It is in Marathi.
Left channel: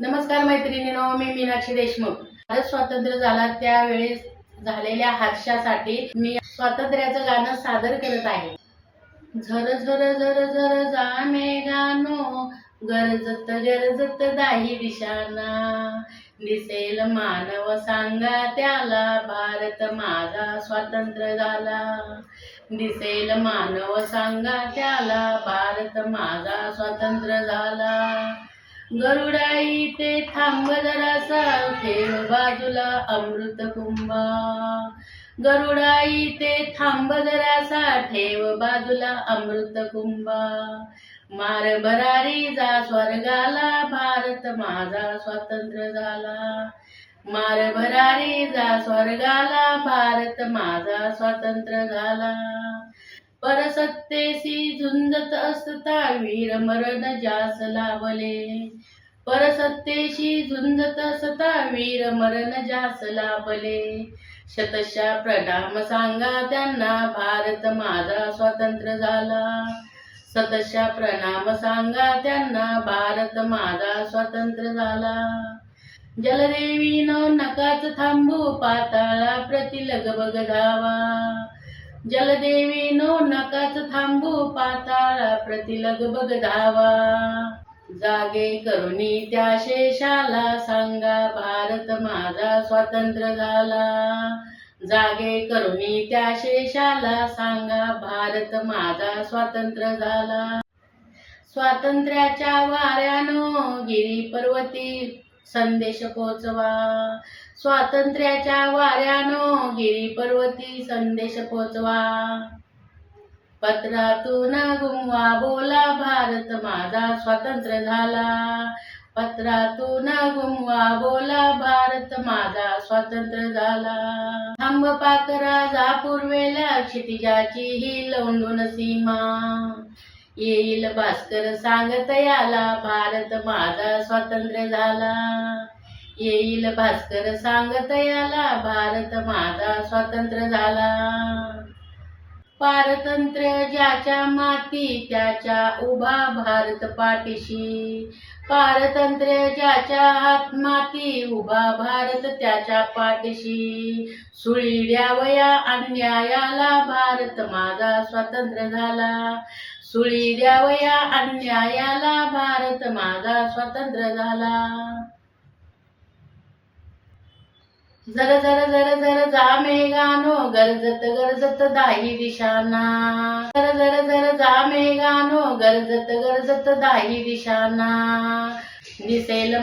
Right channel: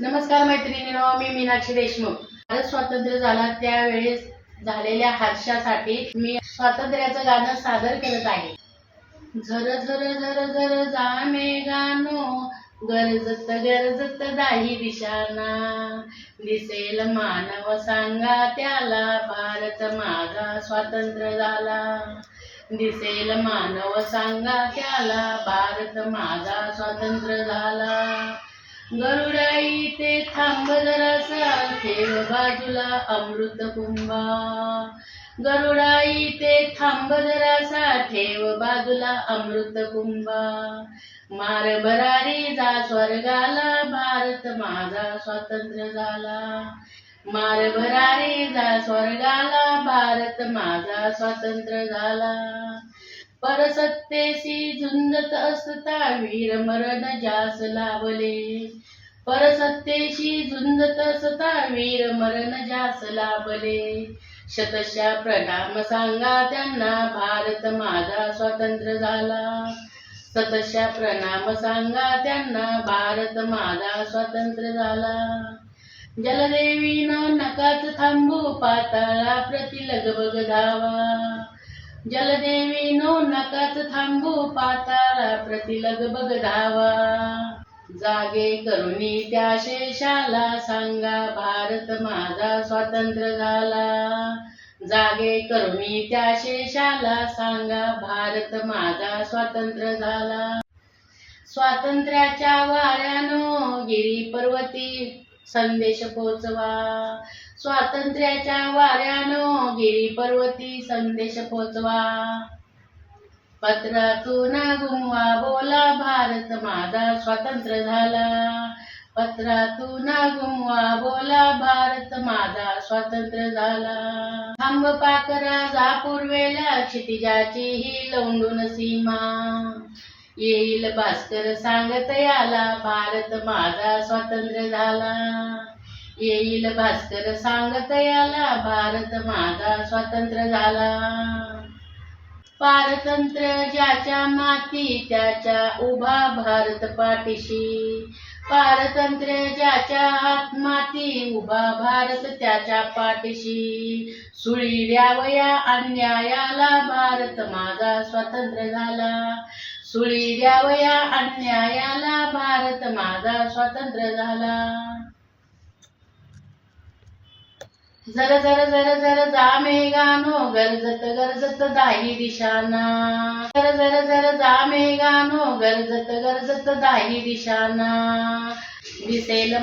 नमस्कार मैत्रिणींनो, मी मीनाक्षी देशमुख. भारत स्वातंत्र्य झाला त्यावेळेस झालेल्या हर्षासाठी मी स्वातंत्र्याचं गाणं सादर करत आहे. झर झर झर झर जामे गानो, गरजत गरजत दाही दिशाना, दिसेल मानव सांगा त्याला, भारत माझा स्वातंत्र्य झाला. दिसेल मानव सांगा त्याला, भारत माझा स्वातंत्र्य झाला. गरुडाई ते थांब जरासा, ठेव बाजूला अमृत कुंभा. गरुडाई ते थांब जरासा, ठेव बाजूला अमृत कुंभा. मार भरारी जा स्वर्गाला, भारत माझा स्वातंत्र्य झाला. मार भरारी जा स्वर्गाला, भारत माझा स्वातंत्र्य झाला. परसत्तेशी झुंजत असता, वीर मरण जास लाभले. परसत्तेशी झुंजत असता, वीर मरण जास लाभले. शतशः प्रणाम सांगा त्यांना, भारत माझा स्वातंत्र्य झाला. शतशः प्रणाम सांगा त्यांना, भारत माझा स्वातंत्र्य झाला. जलदेवीनं नकाच थांबू, पाताळा प्रति लगबग धावा. जलदेवीनो नकाच थांबू, पाताळा प्रति लगबग धावा. जागे करुणी त्या शेषाला, सांगा भारत माझा स्वातंत्र्य झाला. जागे करुणी त्या शेषाला, सांगा भारत माझा स्वातंत्र्य झाला. स्वातंत्र्याच्या वाऱ्यानो गिरी पर्वती संदेश पोचवा. स्वातंत्र्याच्या वाऱ्यानो गिरी पर्वती संदेश पोचवा. पत्रातून गुमवा बोला, भारत माझा स्वातंत्र्य झाला. पत्रातून गुमवा बोला, भारत माझा स्वातंत्र्य झाला. थांब पाकरा जा पूर्वेला, क्षितिजाची ही लवंडून सीमा. येईल भास्कर सांगत याला, भारत माझा स्वातंत्र्य झाला. येईल भास्कर सांगत याला, भारत माझा स्वातंत्र्य झाला. पारतंत्र्य ज्याच्या माती, त्याच्या उभा भारत पाठीशी. पारतंत्र्य ज्याच्या हात माती, उभा भारत त्याच्या पाठीशी. सुळी द्यावया अन्यायाला, भारत माझा स्वातंत्र्य झाला. सुळी द्यावया अन्यायाला, भारत माझा स्वातंत्र्य झाला. झर झर झर झर जा मेघानो, गरजत गरजत दाही दिशाना. झर झर झर जा मेघानो, गरजत गरजत दाही दिशाना, दिसेल